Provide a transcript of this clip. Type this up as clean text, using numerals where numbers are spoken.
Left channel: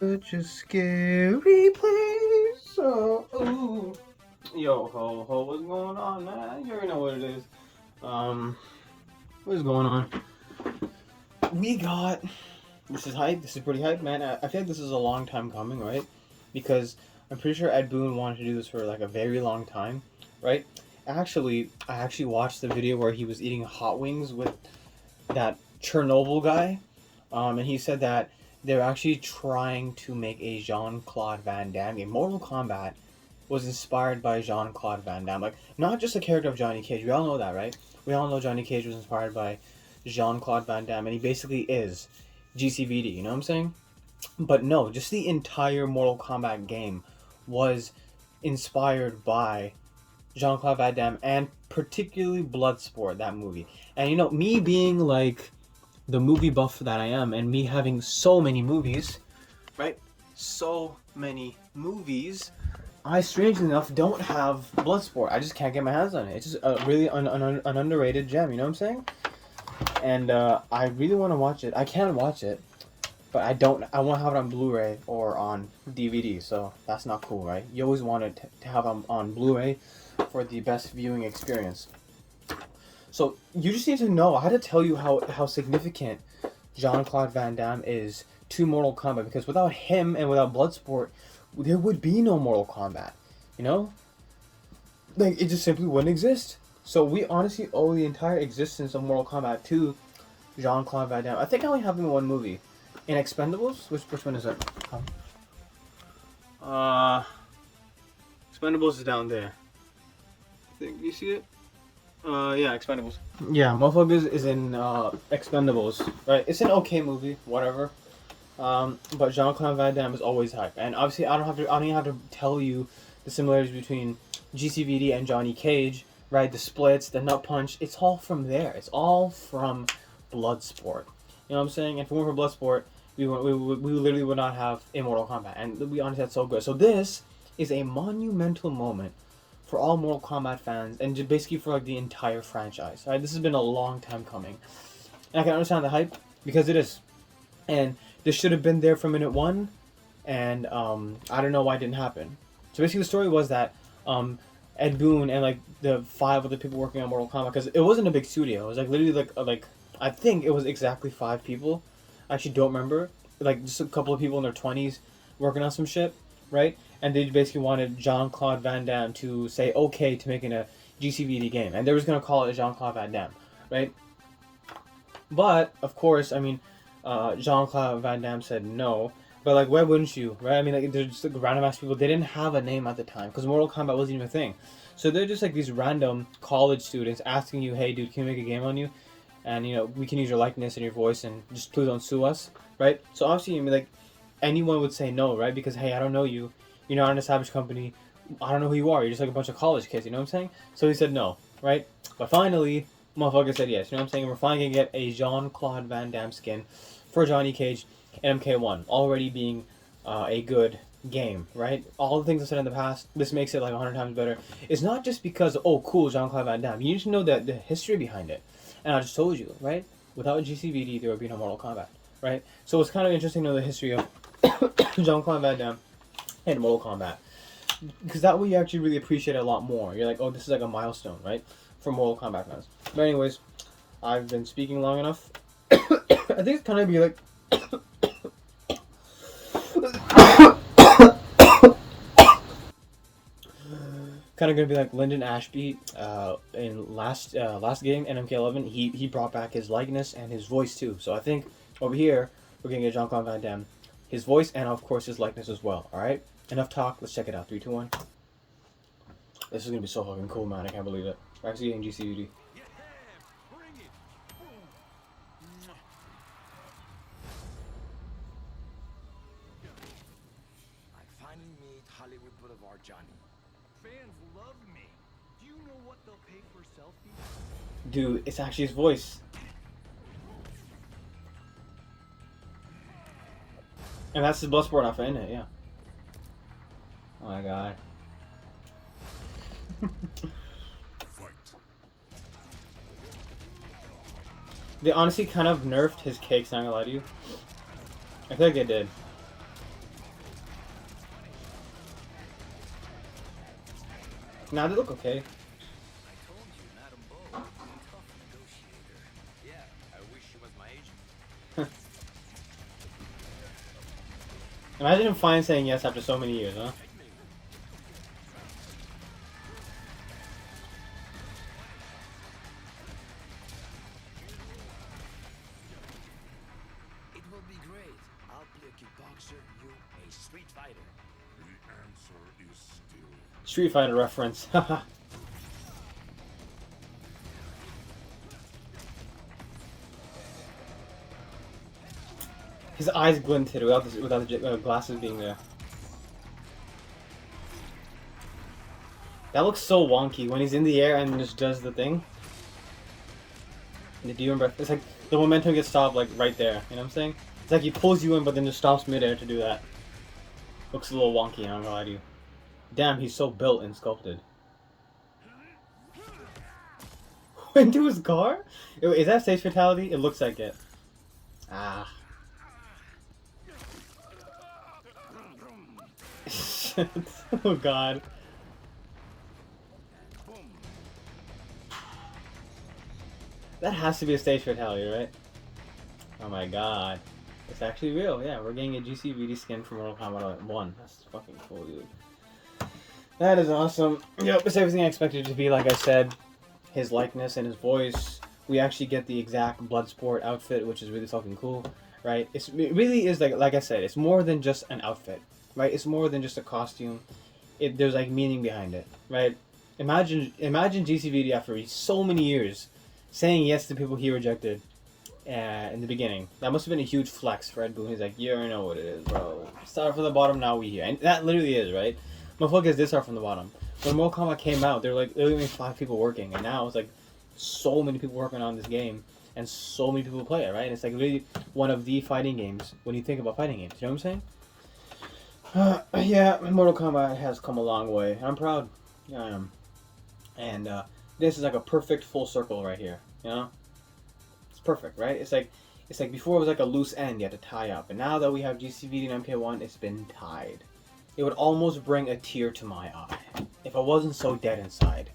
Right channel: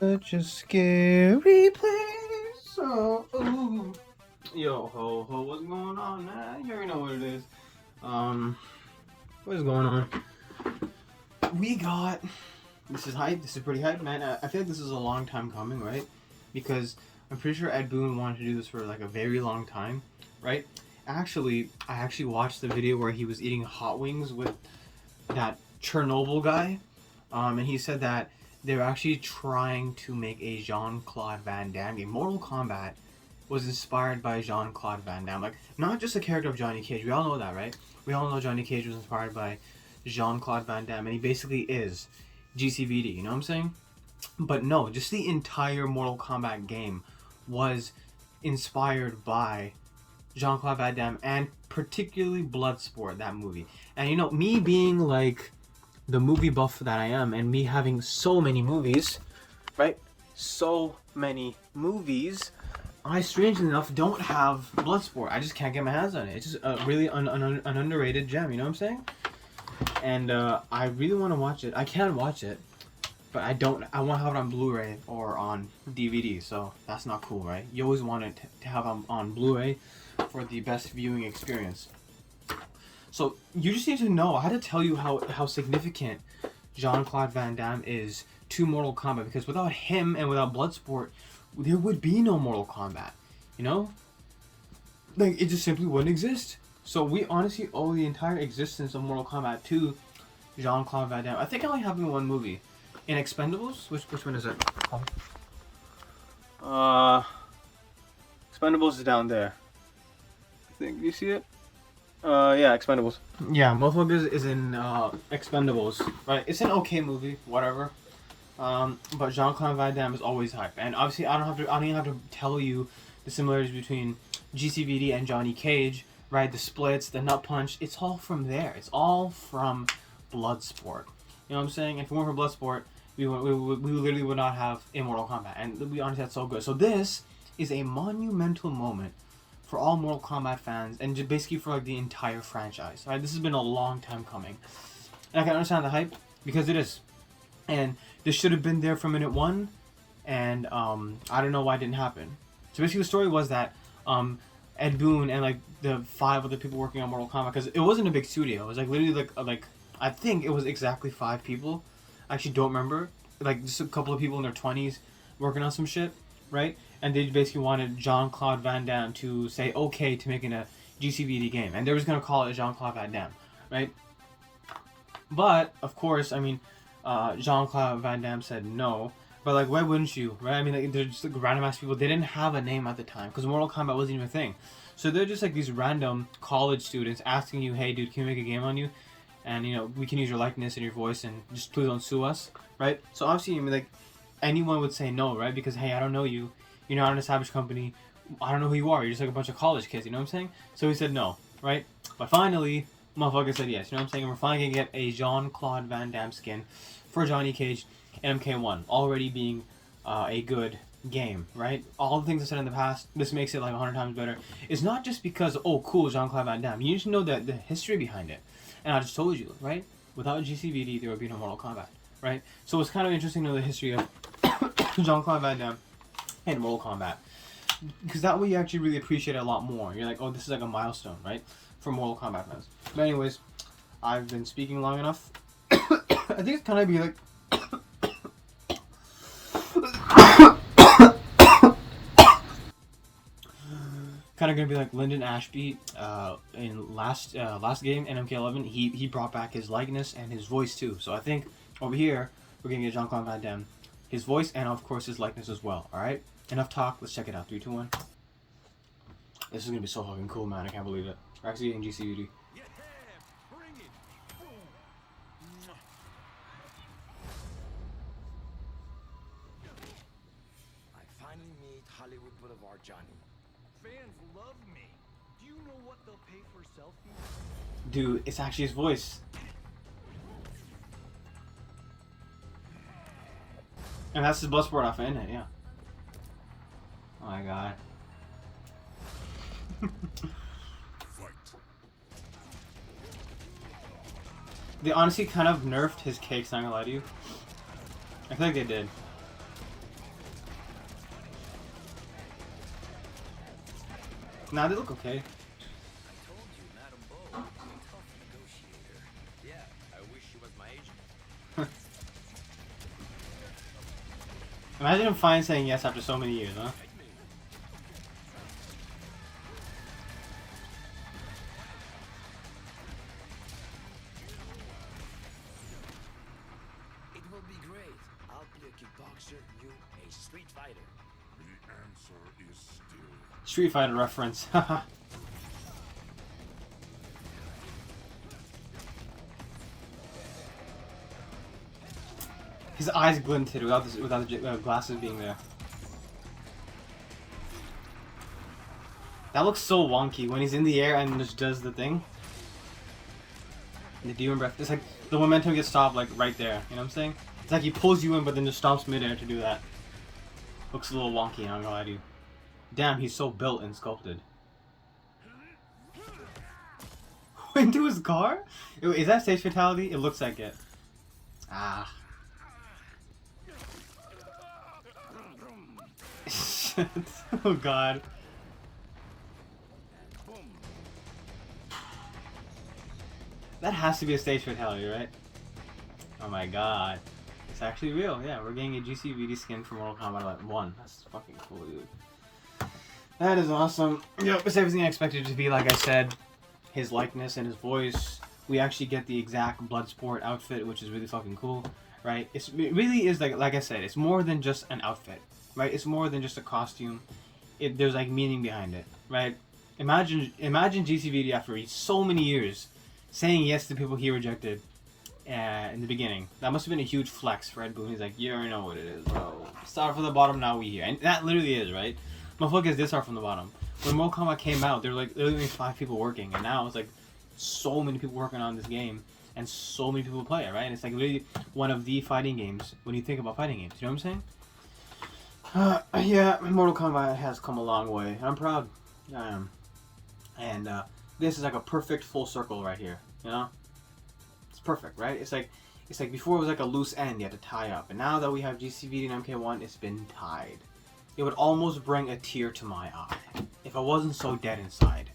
Such a scary place. Oh, ooh. Yo, ho, what's going on, man? You already know what it is. What's going on? We got. This is hype. This is pretty hype, man. I feel like this is a long time coming, right? Because I'm pretty sure Ed Boon wanted to do this for like a very long time, right? I actually watched the video where he was eating hot wings with that Chernobyl guy, and he said that they're actually trying to make a Jean-Claude Van Damme. A Mortal Kombat was inspired by Jean-Claude Van Damme. Like, not just the character of Johnny Cage. We all know that, right? We all know Johnny Cage was inspired by Jean-Claude Van Damme, and he basically is GCVD, you know what I'm saying? But no, just the entire Mortal Kombat game was inspired by Jean-Claude Van Damme, and particularly Bloodsport, that movie. And you know, me being like the movie buff that I am, and me having so many movies, right? So many movies. I, strangely enough, don't have Bloodsport. I just can't get my hands on it. It's just a really an underrated gem, you know what I'm saying? And I really want to watch it. I can watch it, but I don't. I want to have it on Blu-ray or on DVD, so that's not cool, right? You always want it to have it on Blu-ray for the best viewing experience. So you just need to know. I had to tell you how significant Jean-Claude Van Damme is to Mortal Kombat, because without him and without Bloodsport, there would be no Mortal Kombat. You know, like, it just simply wouldn't exist. So we honestly owe the entire existence of Mortal Kombat to Jean-Claude Van Damme. I think I only have him in one movie. In Expendables? Which one is it? Expendables is down there. Do you see it? Yeah, Expendables. Yeah, motherfuckers is in Expendables, right? It's an okay movie, whatever. But Jean-Claude Van Damme is always hype, and obviously I don't even have to tell you the similarities between GCVD and Johnny Cage, right? The splits, the nut punch. It's all from there. It's all from Bloodsport. You know what I'm saying? If it weren't for Bloodsport, we literally would not have Immortal Kombat, and we honestly, that's so good. So this is a monumental moment for all Mortal Kombat fans, and just basically for like the entire franchise. Right? This has been a long time coming, and I can understand the hype because it is, and this should have been there from minute one, and I don't know why it didn't happen. So basically, the story was that Ed Boon and like the 5 other people working on Mortal Kombat, because it wasn't a big studio. It was like literally like I think it was exactly 5 people. I actually don't remember. Like just a couple of people in their 20s working on some shit, right? And they basically wanted Jean-Claude Van Damme to say okay to making a GCVD game, and they was gonna call it Jean-Claude Van Damme, right? But of course, I mean, Jean-Claude Van Damme said no. But like, why wouldn't you, right? I mean, like, they're just like random ass people. They didn't have a name at the time because Mortal Kombat wasn't even a thing. So they're just like these random college students asking you, "Hey, dude, can we make a game on you? And you know, we can use your likeness and your voice, and just please don't sue us, right?" So obviously, I mean, like, anyone would say no, right? Because hey, I don't know you. You're not an established company. I don't know who you are. You're just like a bunch of college kids. You know what I'm saying? So he said no, right? But finally, motherfucker said yes. You know what I'm saying? We're finally gonna get a Jean-Claude Van Damme skin for Johnny Cage and MK1, already being a good game, right? All the things I said in the past, this makes it like 100 times better. It's not just because, oh, cool, Jean-Claude Van Damme. You need to know the history behind it. And I just told you, right? Without GCVD, there would be no Mortal Kombat, right? So it's kind of interesting to know the history of Jean-Claude Van Damme and Mortal Kombat, because that way you actually really appreciate it a lot more. You're like, oh, this is like a milestone, right? For Mortal Kombat fans. But anyways, I've been speaking long enough. I think it's kind of be like kind of gonna be like Lyndon Ashby in last game NMK11. He brought back his likeness and his voice too. So I think over here we're gonna get Jean-Claude Van Damme, his voice, and of course his likeness as well. All right, enough talk. Let's check it out. 3, 2, 1. This is gonna be so fucking cool, man. I can't believe it. We're actually getting GCVD. I finally meet Hollywood Boulevard Johnny. Fans love me. Do you know what they'll pay for selfies? Dude, it's actually his voice. And that's his Bloodsport outfit, isn't it? Yeah. Oh my god. They honestly kind of nerfed his cakes, not gonna lie to you. I feel like they did. Nah, they look okay. I told you, Madame Bo would be a tough negotiator. Yeah, I wish she was my agent. Imagine him finally saying yes after so many years, huh? Hit me. It will be great. I'll play a kickboxer, you a street fighter. The answer is still Street Fighter reference. Haha. His eyes glinted without the glasses being there. That looks so wonky when he's in the air and just does the thing. The demon breath. It's like the momentum gets stopped like right there. You know what I'm saying? It's like he pulls you in, but then just stops midair to do that. Looks a little wonky. I'm gonna lie to you. Damn, he's so built and sculpted. Into his car? Is that stage fatality? It looks like it. Ah. Shit. Oh god. That has to be a stage fatality, right? Oh my god. It's actually real. Yeah, we're getting a GCVD skin from Mortal Kombat 1. That's fucking cool, dude. That is awesome. Yep, it's everything I expected it to be. Like I said, his likeness and his voice. We actually get the exact Bloodsport outfit, which is really fucking cool, right? It really is like I said, it's more than just an outfit, right? It's more than just a costume. There's like meaning behind it, right? Imagine GCVD after so many years saying yes to people he rejected in the beginning. That must have been a huge flex for Ed Boon. He's like, you already know what it is, bro. Start from the bottom, now we here. And that literally is, right? Motherfuckers did start from the bottom. When Mortal Kombat came out, there were like literally 5 people working, and now it's like so many people working on this game, and so many people play it, right? And it's like really one of the fighting games when you think about fighting games. You know what I'm saying? Yeah, Mortal Kombat has come a long way. I'm proud. I am. And this is like a perfect full circle right here. You know? It's perfect, right? It's like before it was like a loose end you had to tie up, and now that we have GCVD and MK1, it's been tied. It would almost bring a tear to my eye if I wasn't so dead inside.